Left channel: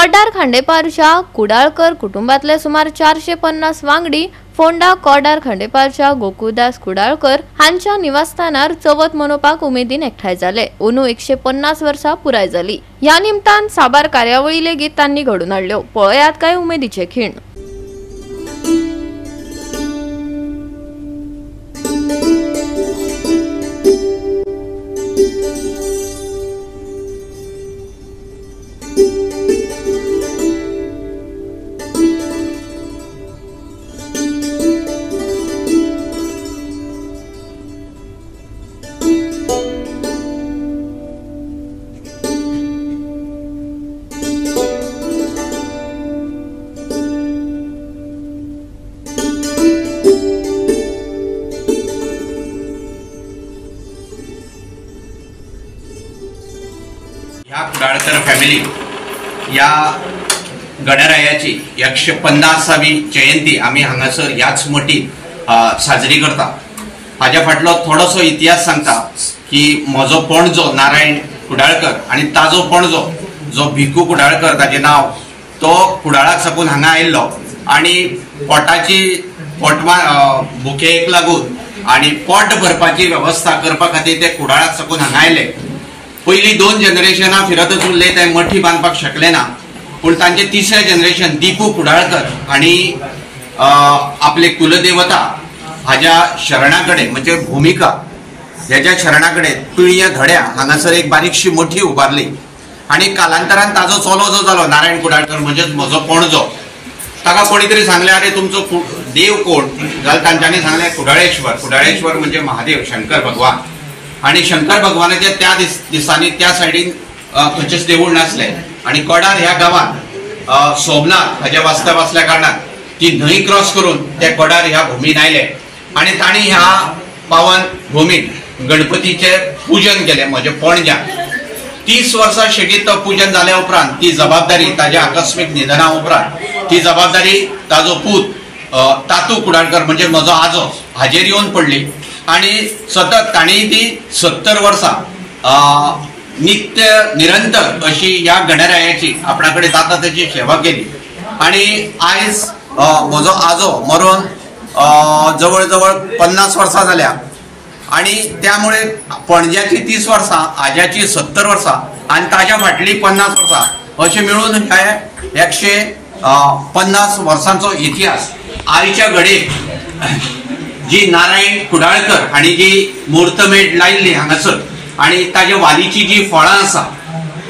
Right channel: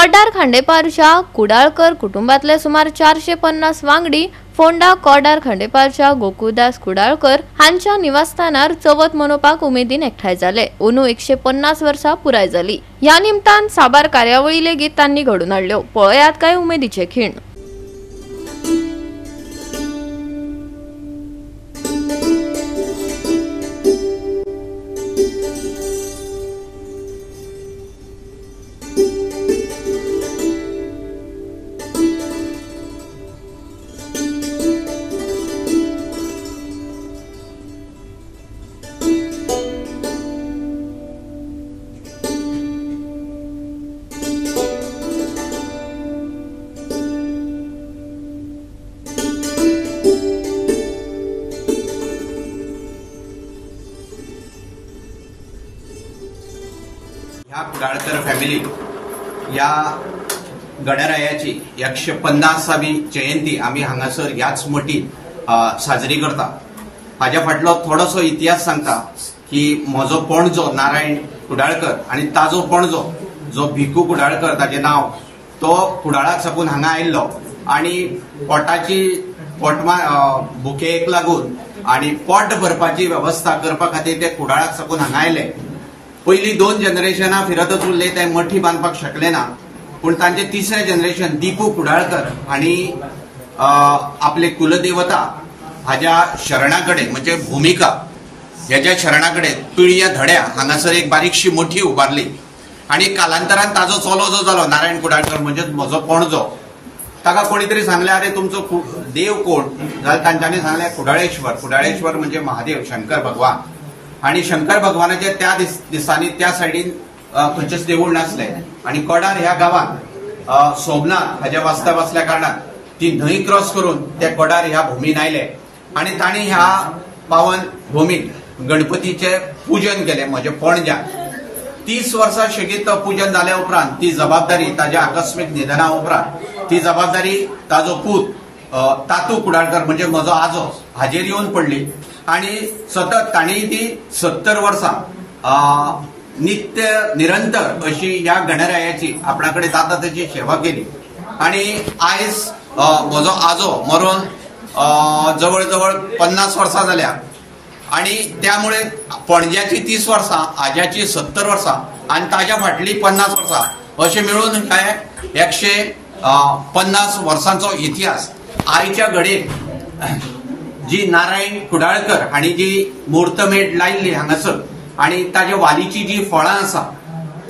कॉर्डार खांडेपारच्या कुडाळकर कुटुंबातले सुमार 450 वांगडी फोंडा कॉर्डार खांडेपारच्या गोकुळदास कुडाळकर हांच्या निवासस्थानार चवथ मनोवपाक उमेदीन एकठांय जाले। अंदू 150 वर्सां पुराय जाली। ह्या निमतान साबार कार्यावळी लेगीत तांणी घडून हाडल्यो। पळयात काय उमेदीचे खीण। ह्या कुडाळकर फॅमिली या गणरायाची 150वी जयंती आम्ही हांगासर याच मोठी साजरी करता। हाज्या फाटलो थोडोसो इतिहास सांगता की म्हजो पणजो नारायण कुडाळकर आणि ताजो पणजो जो भिकू कुडाळकर ताचे नाव तो कुडाळाक साकून हांगा आयिल्लो आणि पोटाची भुकेक लागून आणि पोट भरपाची व्यवस्था करपा खातीर ते कुडाळाक साकून हांगा आयले। पयली 2 जनरेशनां फिरतच उरले ते मठी बांदपाक शकले ना, पूण तांचे तिसरे जनरेशन दीपू कुडाळकर आणि आपले कुलदेवता हाज्या शरणाकडे म्हणजे भूमिका ह्याच्या शरणाकडे पिळ्या धड्या हांगासर एक बारीकशी मोठी उबारली आणि कालांतरान ताजो चलो जो जालो नारायण कुडाळकर म्हणजे म्हजो पणजो ताका कोणी तरी सांगले अरे तुमचो देव कोण जाल्यार तांच्यांनी सांगले कुडाळेश्वर म्हणजे महादेव शंकर भगवान। आणि शंकर भगवानाच्या त्या दिसांनी त्या सायडीन खंयचेच देवूळ नासले आणि कॉर्डार ह्या गावात सोमनाथ हाजे वास्तव असल्या कारणान ती न्हंय क्रॉस करून ते कॉर्डार ह्या भूमीन आयले आणि तांणी ह्या पावन भूमीन गणपतीचे पूजन केले म्हणजे पणज्यान। 30 वर्सां शेगीत तो पूजन जाल्या उपरांत ती जबाबदारी ताज्या आकस्मिक निधना उपरांत ती जबाबदारी ताजो पूत तातू कुडाळकर म्हणजे म्हजो आजो हाजेर येवन पडली आणि सतत ताणी ती 70 वर्सां नित्य निरंतर अशी या गणरायाची आपणाकडे जाता त्याची सेवा केली आणि आयज म्हजो आजो मरून जवळ जवळ 50 वर्सां जाल्या आणि त्यामुळे पणज्याची 30 वर्सां आज्याची 70 वर्सां आणि ताज्या फाटली 50 वर्सां अशें मिळून हे 150 वर्सांचो इतिहास आयच्या घडयेक जी नारायण कुडाळकर हांणी जी मुहूर्तमेढ लायिल्ली हांगासर आणि ताज्या वालीची जी फळां आसा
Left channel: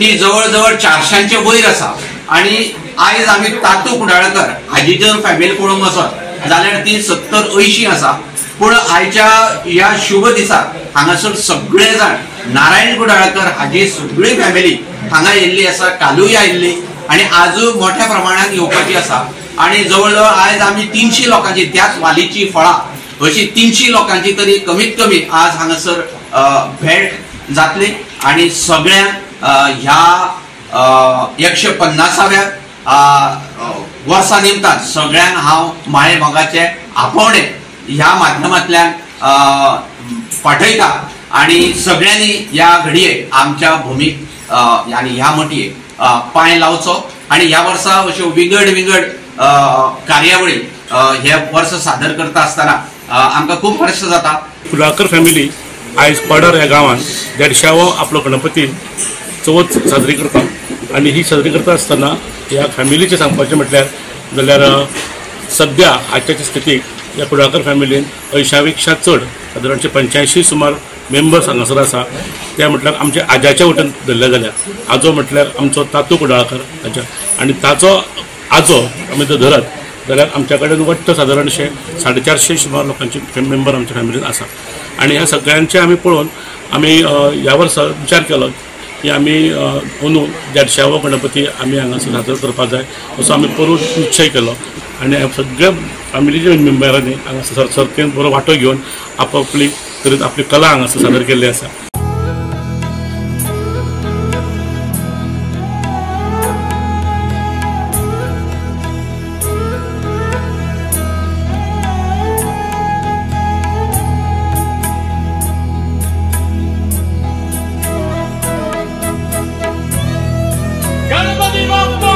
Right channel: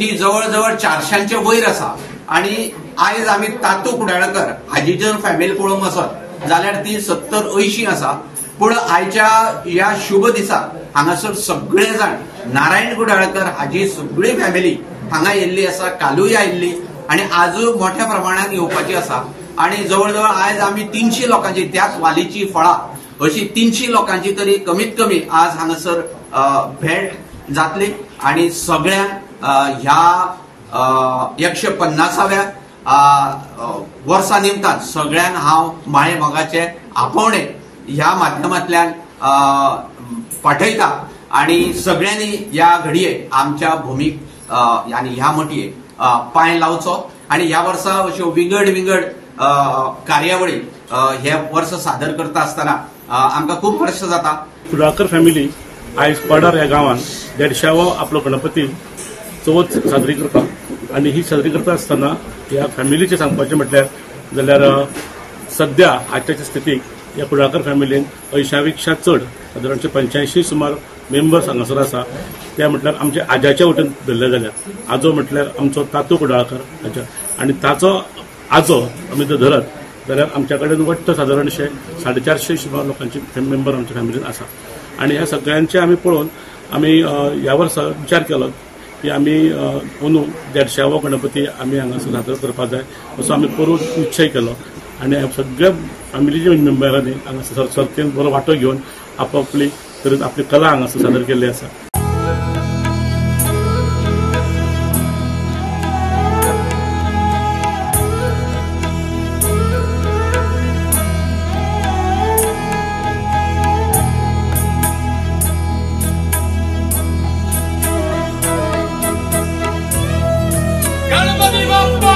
ती जवळ जवळ 400चे वयर आसा आणि आयज आमी तातू कुडाळकर हाजी जर फॅमिली पळोवंक वचत जाल्यार ती 70-80 आसा। पूण आयच्या ह्या शुभ दिसाक हांगासर सगळे जाण नारायण कुडाळकर हाजी सगळी फॅमिली हांगा येयल्ली आसा, कालूय आयिल्ली आणि आजूय मोठ्या प्रमाणात येवपाची आसा आणि जवळ जवळ आयज आमी 300 लोकांची त्याच वालीची फळां अशी 300 लोकांची तरी कमीत कमी आज हांगासर भेट जातली आणि सगळ्यांक ह्या 150व्या वर्सा निमतान सगळ्यांक हांव माये मोगाचे आपोवणे ह्या माध्यमांतल्यान पाठयता आणि सगळ्यांनी ह्या घडये आमच्या भूमीक आनी ह्या मटयेक पांय लावचो आणि ह्या वर्सा अश्यो विंगड कार्यावळी हे वर्स सादर करता आसतना आमकां खूब हर्ष जाता। कुडाळकर फॅमिली आयज कॉर्डार ह्या गांवांत 150वो आपलो गणपती चवथ साजरी करता आणि ही साजरी करता आसतना ह्या फॅमिलीचे सांगपाचें म्हटल्यार जाल्यार सद्या आजच्या स्थितीक ह्या कुडाळकर फॅमिलीन 80पेक्षा चड सादारणशे 85 सुमार मेंबर्स हांगासर आसा। ते म्हटल्यार आमच्या आज्याच्या वटेन धरले जाल्यार आजो म्हटल्यार आमचो तातू कुडाळकर ताच्या आणि ताचो आजो आमी जर धरत जाल्यार आमच्या कडेन वट्ट सादारणशे 450 सुमार लोकांचे मेंबर आमच्या फॅमिलीन आसा आणि ह्या सगळ्यांचे आमी पळोवन आमी ह्या वर्सा विचार केलो की आमी अंदू 150वो गणपती आमी हांगासर सादर करपाक जाय असो आमी करून निश्चय केलो आणि सगळ्या फॅमिलीच्या मेंबरांनी हांगासर सर्तीन बरो वांटो घेवन आपली करीत आपली कला हांगासर सादर केल्ली आसा। गणपती बाप्पा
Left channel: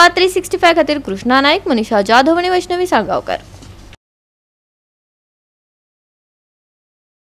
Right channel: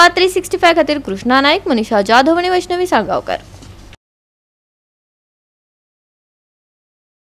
गोवा 365 खातीर कृष्णा नाईक, मनीषा जाधव आनी वैष्णवी साळगांवकर।